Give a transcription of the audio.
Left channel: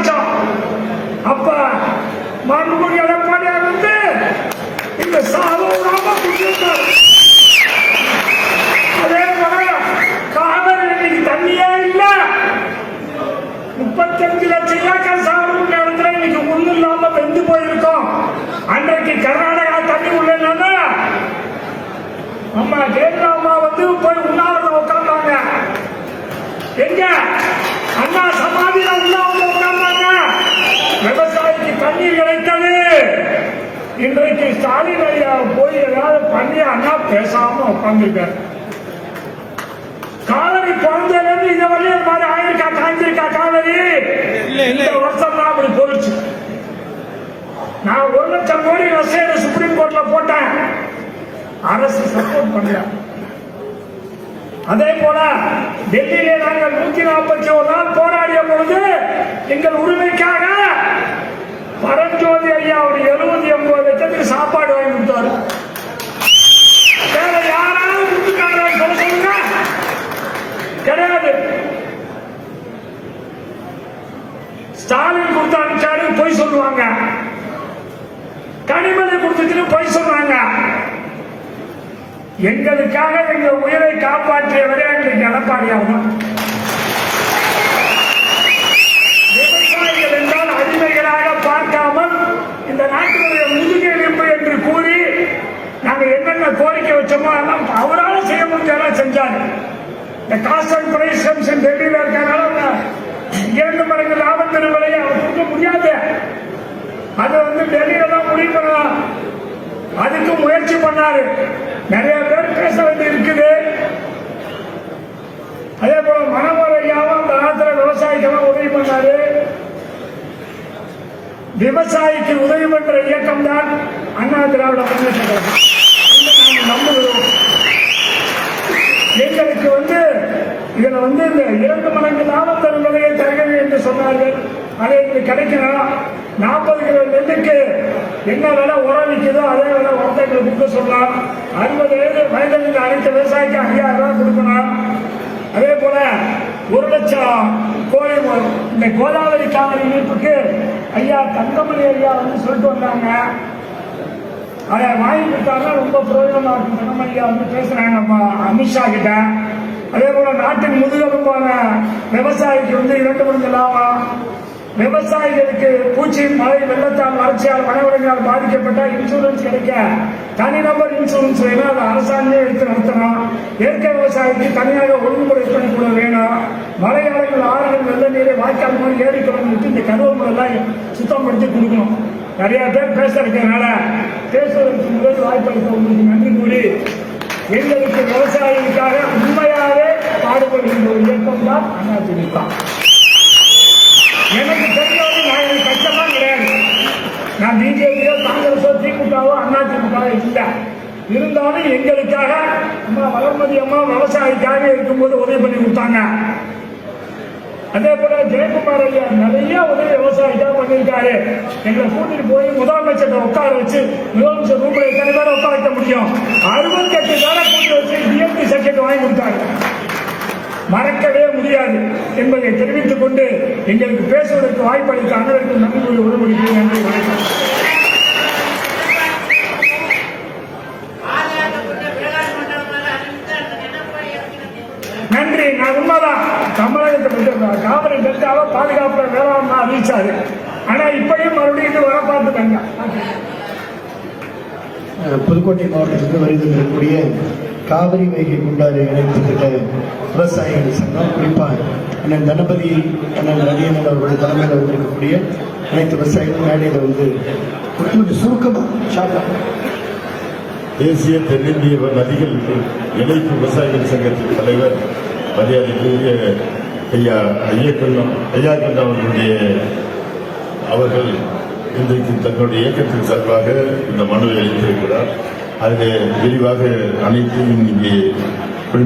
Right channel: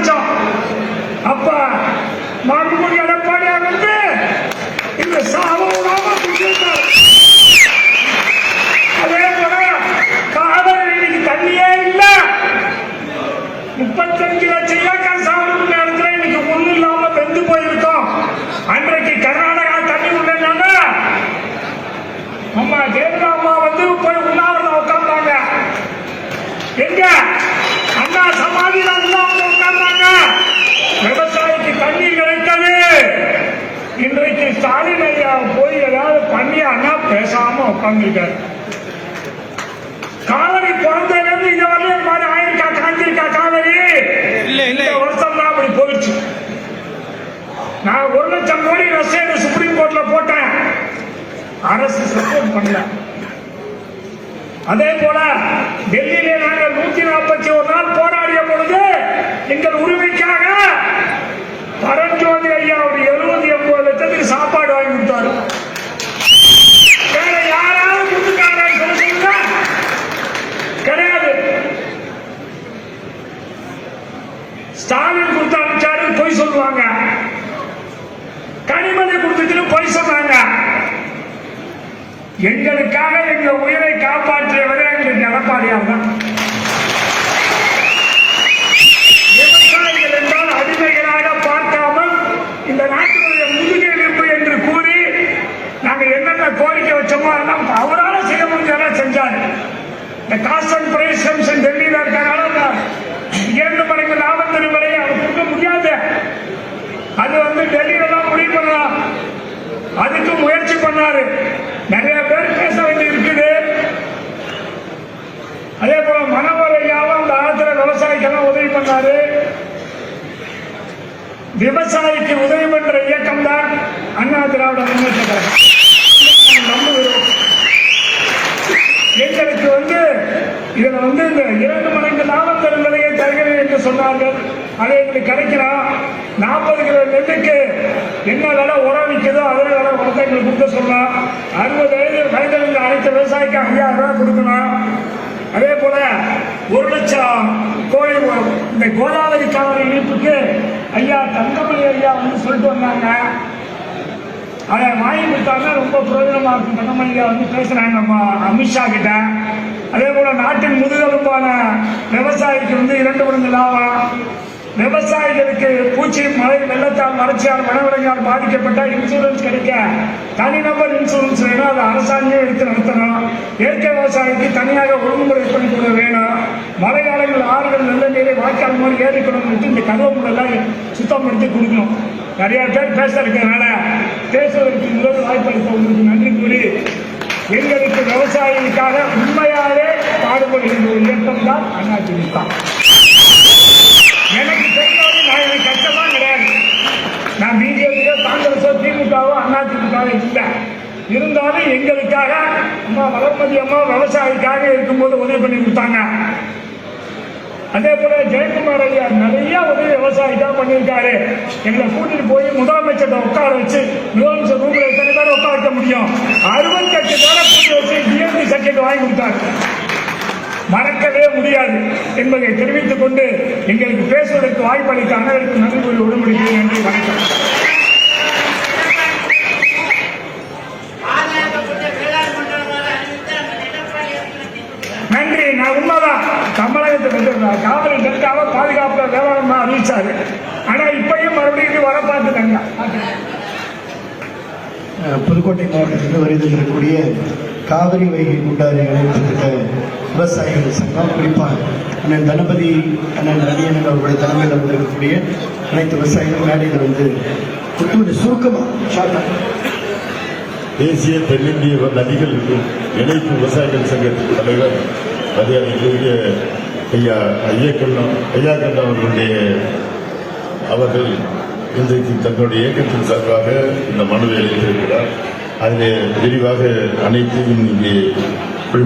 ஆரம்பிச்சோம். அப்ப மாண்புமிகு எடப்பாடியார் வந்து இந்த சாவோடாம அதே போல காவிரி தண்ணியே இல்ல. 35 லட்சம் ஏக்கர் சாகுபடி இடத்துல இன்னைக்கு ஒண்ணு இல்லாம வெந்து போயிருக்கோம். அன்றைக்கு கர்நாடகா தண்ணி உடனே அம்மா ஜெயலலிதா அம்மா வந்து போய் உண்ணாவிரதம் உட்கார்ந்தாங்க. எங்க அண்ணா சமாதியில உண்ணாவிரதம் உட்கார்ந்தாங்க. விவசாயிக்கு தண்ணீர் கிடைத்தது. இன்றைக்கு ஸ்டாலின் ஐயா போய் ஏதாவது பண்ணி அண்ணா பேசாம உட்கார்ந்துருக்காரு. காவிரி பிறந்ததுலேருந்து இங்க வரையும் மாதிரி ஆயிருக்கா காய்ஞ்சிருக்கா காவிரி? இந்த வருஷம் தான் அப்படி போயிடுச்சு. நான் 1 லட்சம் கோடி ரசீது சுப்ரீம் கோர்ட்ல போட்டேன். அரசு சப்போர்ட் பண்ணல. அதே போல டெல்லியிலே நாங்கள் 141 நாள் போராடிய பொழுது எங்கள் உரிமைக்காக பரஞ்சோதி ஐயா ஒரு 70-80 லட்சத்துக்கு சாப்பாடு வாங்கி கொடுத்தாரு. வேற யாராவது கொடுத்துட்டாங்க சொல்லுங்க? கிடையாது. ஸ்டாலின் கொடுத்து அனுப்பிச்சாரு பொய் சொல்லுவாங்க. கனிமொழி கொடுத்துட்டு பொய் சொன்னாங்க. எங்களுக்காக எங்க உயிரை காப்பாற்றியவரே எங்களுக்கு எடப்பாடியார் தான். விவசாயிகள் என்றால் அடிமைகளாக பார்க்காமல் இந்த நாட்டினுடைய முதுகெலும்பு என்று கூறி நாங்கள் என்னென்ன கோரிக்கை வச்சோமோ அதெல்லாம் அவரால் செய்ய முடிஞ்சதெல்லாம் செஞ்சாரு. இந்த காஸ்ட் அண்ட் பிரைஸ் கமிஷன் டெல்லியில் இருக்கிறனால 2 மடங்கு லாபத்தின் விலையை அவர் கொடுக்க முடியாது. அது வந்து டெல்லியில தான் முடிவு பண்ணலாம். அதுக்கு முயற்சி பண்ணாரு. நிறைய பேர் பேச வேண்டி இருக்குது. அதே போல மனோகர் ஐயாவும் அந்த ஆத்திர விவசாயிக்கெல்லாம் உதவி பண்ணாரு. விவசாயிக்கு உதவி பண்ற இயக்கம் தான் அண்ணா திராவிட முன்னேற்ற கழகம். நம்புகிறோம். எங்களுக்கு வந்து இதுல வந்து இந்த 2 மடங்கு லாபத்தல் விலையை தருகிறேன் என்று சொன்னார்கள். அதை எங்களுக்கு கிடைக்கணும். 40 கிலோ நெல்லுக்கு என்ன விலை உரம் விற்குதோ அதே விலை உரத்தை எங்களுக்கு கொடுக்க சொல்லலாம். 60 வயதில் அனைத்து விவசாயிக்கு 5000 ரூபாய் கொடுக்கணும். அதே போல 1 லட்சம் கோழி இந்த கோதாவரி காவிரி இணைப்புக்கு ஐயா தங்கமணி ஐயா வந்து சொல்லிட்டு வந்தாங்க. அதை வாங்கி கொடுத்தாங்கன்னா ரொம்ப பிரயோஜனமா இருக்கும். தங்கமணி ஐயா வந்து பேசுறாங்க அமித்ஷா கிட்ட. அதே போல நாட்டின் முதுகெலும்பான விவசாயிக்கு வந்து 2 மடங்கு லாபம். விவசாயிகளுக்கு பூச்சி மழை வெள்ளத்தால் வறட்சியால் வனவிலங்கால் பாதிக்கப்பட்டால் இன்சூரன்ஸ் கிடைக்க தனிநபர் இன்சூரன்ஸ் வேணும். அதை அரசாங்கமே எடுத்து நடத்தணும். இயற்கை விவசாயிக்கு தனியாக ஒழுங்குமுறை பண்ணி கூட வேணும். மழை காலங்கள் ஆறுகள் வெள்ள நீரை வாய்க்கால் மாதிரி ஏறிக்கணும். இந்த கதவு முறையெல்லாம் சுத்தம் பண்ணி கொடுக்கணும். நிறைய பேர் பேச இருக்கிறதுனால பேசுவதற்கு முதல் வாய்ப்பளித்த உங்களுக்கு நன்றி கூறி எங்களுக்கு விவசாயிகளுக்காக உண்மையாவே பாடுபடுகின்ற ஒரு இயக்கம் தான் அதிமுக. எனக்கு தெரியாது. நான் எனக்கு கஷ்டமா கிடையாது. நான் பிஜேபியோ காங்கிரஸோ திமுகவோ அதிமுகவோ இல்லை. இருந்தாலும் எங்களுக்காக அம்மா வளர்மதி அம்மா விவசாயிக்காக இருக்கும்போது உதவி பண்ணி கொடுத்தாங்க. அதே போல ஜெயக்குமார் ஐயா நிறைய உதவி விவசாயிக்காக பண்ணியிருக்காரு. எங்களை கூட்டிட்டு போய் முதலமைச்சர் உட்கார வச்சு முதலமைச்சர் ரூம்ல எத்தனை பேரை உட்கார வைக்க முடியும்? 68 பேரை கூட்டி வச்சு டிஎம்டி சர்டிபிகேட் வாங்கி கொடுத்தாரு. மறக்கவே முடியாது என்பதை தெரிவித்துக் கொண்டு எங்களுக்கு பேசுவதற்கு வாய்ப்பளித்த அனைவருக்கும் நன்றி கூறி உடன்படிக்கிறேன். நன்றி, வணக்கம். நன்றி. நான் உண்மைதான் தமிழகத்தை காவிரி டெல்டாவை பாதுகாப்பு வேளாண்மை அறிவிச்சாரு. ஆனா இப்படியும் மறுபடியும் வர பார்த்துட்டாங்க. புதுக்கோட்டை மாவட்டத்தில் வருகில் இருக்கக்கூடிய காவிரி வைகை குண்டாறு இணைப்பு திட்ட விவசாயிகள் சங்கம், குறிப்பாக அண்ணன் தனபதி அண்ணன் ரவியன் அவருடைய தலைமையில் வந்திருக்கக்கூடிய அனைத்து விவசாயிகள் மேடையில் வந்து சுருக்கமாக தேசிய தென்னிந்திய நதிகள் இணைப்பு விவசாயிகள் சங்கத்தின் தலைவர் மரியாதைக்குரிய ஐயா ஐயக்கண்டம் அவர்கள் இன்றைக்கு தன்னுடைய இயக்கத்தின் சார்பாக இந்த மனுவை அளித்திருக்கிறார். அதிலே விரிவாக அனைத்தையும் இங்கே